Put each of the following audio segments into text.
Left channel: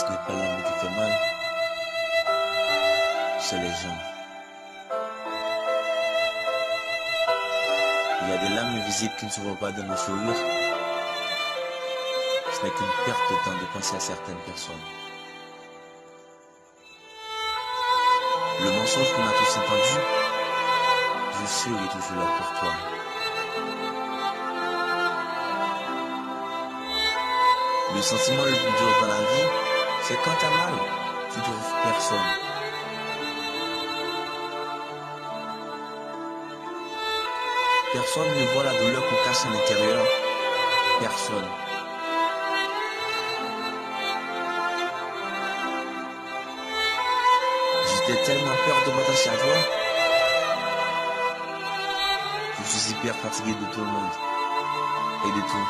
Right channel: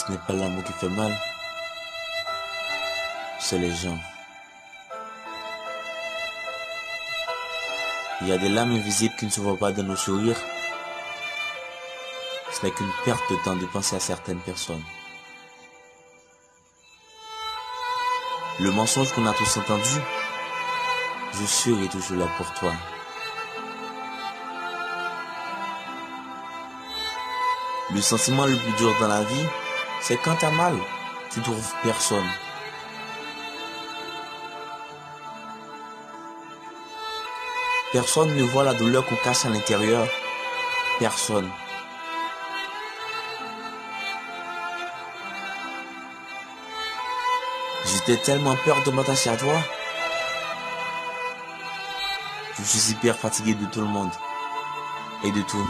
Ce n'est pas l'amour qui fait mal, c'est les gens. Il y a des lames invisibles qui ne se voient pas dans nos sourires. Ce n'est qu'une perte de temps de penser à certaines personnes. Le mensonge qu'on a tous entendu, je serai toujours là pour toi. Le sentiment le plus dur dans la vie, c'est quand t'as mal, tu trouves personne. Personne ne voit la douleur qu'on cache à l'intérieur. Personne. J'étais tellement peur de m'attacher à toi. Je suis hyper fatigué de tout le monde. Et de tout.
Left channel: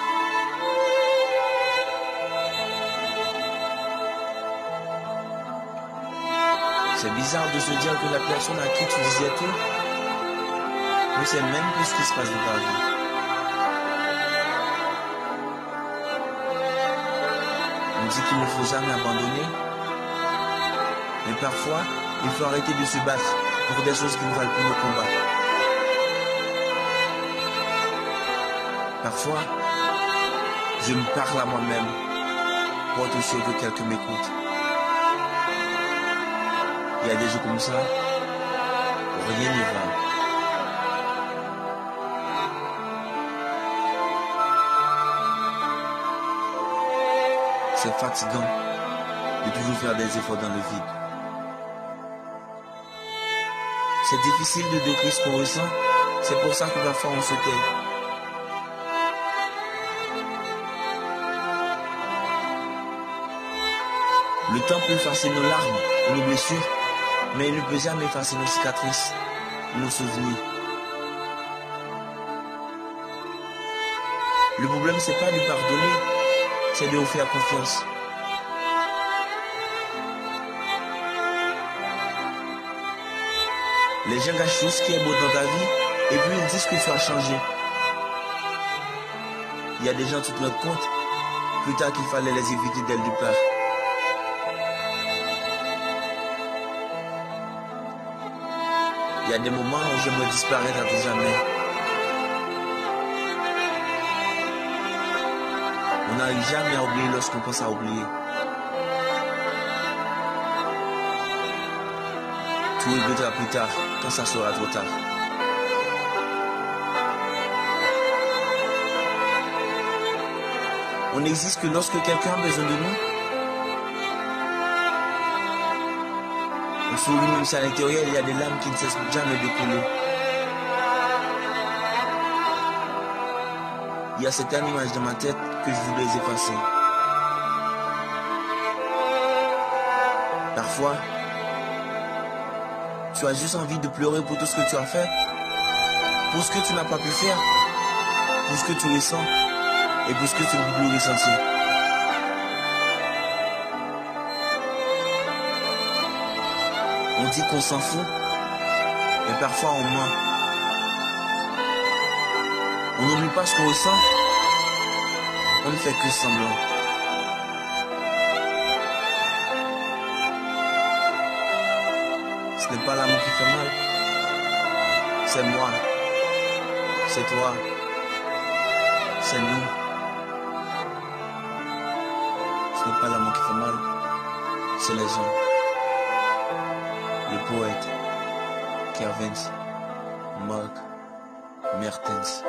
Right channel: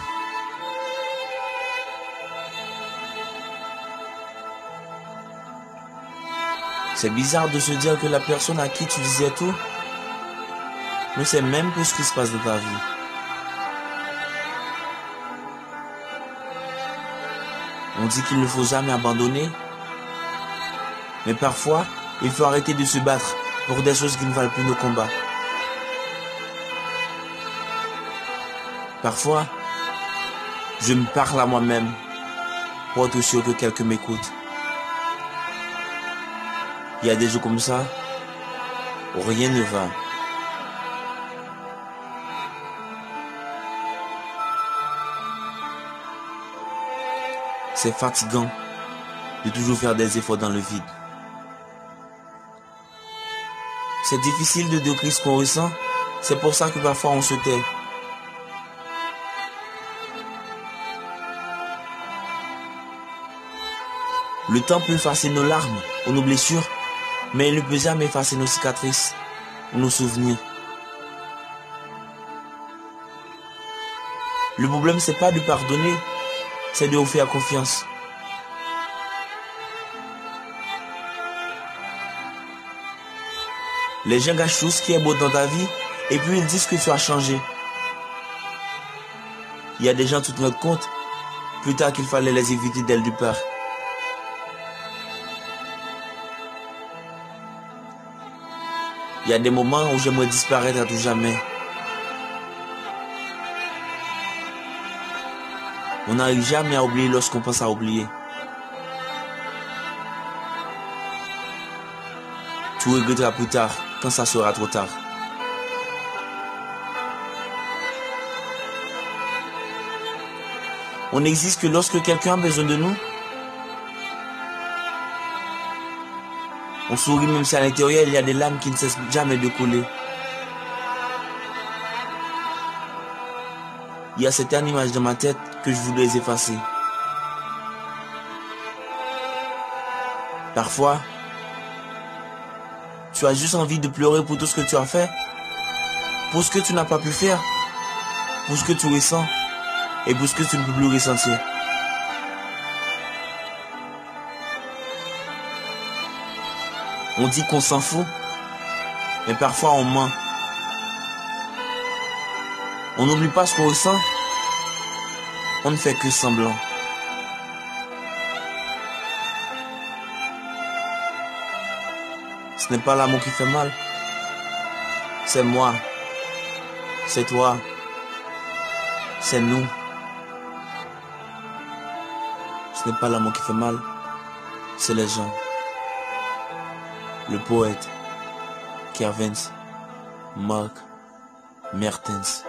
C'est bizarre de se dire que la personne à qui tu disais tout ne sait même plus ce qui se passe dans ta vie. On dit qu'il ne faut jamais abandonner. Mais parfois, il faut arrêter de se battre pour des choses qui ne valent plus nos combats. Parfois, je me parle à moi-même pour être sûr que quelqu'un m'écoute. Il y a des jours comme ça où rien ne va. C'est fatigant de toujours faire des efforts dans le vide. C'est difficile de décrire ce qu'on ressent. C'est pour ça que parfois on se tait. Le temps peut effacer nos larmes ou nos blessures, mais il ne peut jamais effacer nos cicatrices ou nos souvenirs. Le problème, c'est pas de pardonner, c'est de vous faire confiance. Les gens gâchent tout ce qui est beau dans ta vie et puis ils disent que tu as changé. Il y a des gens, tu te rends compte plus tard qu'il fallait les éviter dès le départ. Il y a des moments où j'aimerais disparaître à tout jamais. On n'arrive jamais à oublier lorsqu'on pense à oublier. Tu regretteras plus tard, quand ça sera trop tard. On n'existe que lorsque quelqu'un a besoin de nous. On sourit même si à l'intérieur il y a des larmes qui ne cessent jamais de couler. Il y a certaines images dans ma tête que je voudrais effacer. Parfois, tu as juste envie de pleurer pour tout ce que tu as fait, pour ce que tu n'as pas pu faire, pour ce que tu ressens et pour ce que tu ne peux plus ressentir. On dit qu'on s'en fout, mais parfois on ment. On n'oublie pas ce qu'on ressent, on ne fait que semblant. Ce n'est pas l'amour qui fait mal, c'est moi, c'est toi, c'est nous. Ce n'est pas l'amour qui fait mal, c'est les gens. Le poète Kavens Mark Mertens.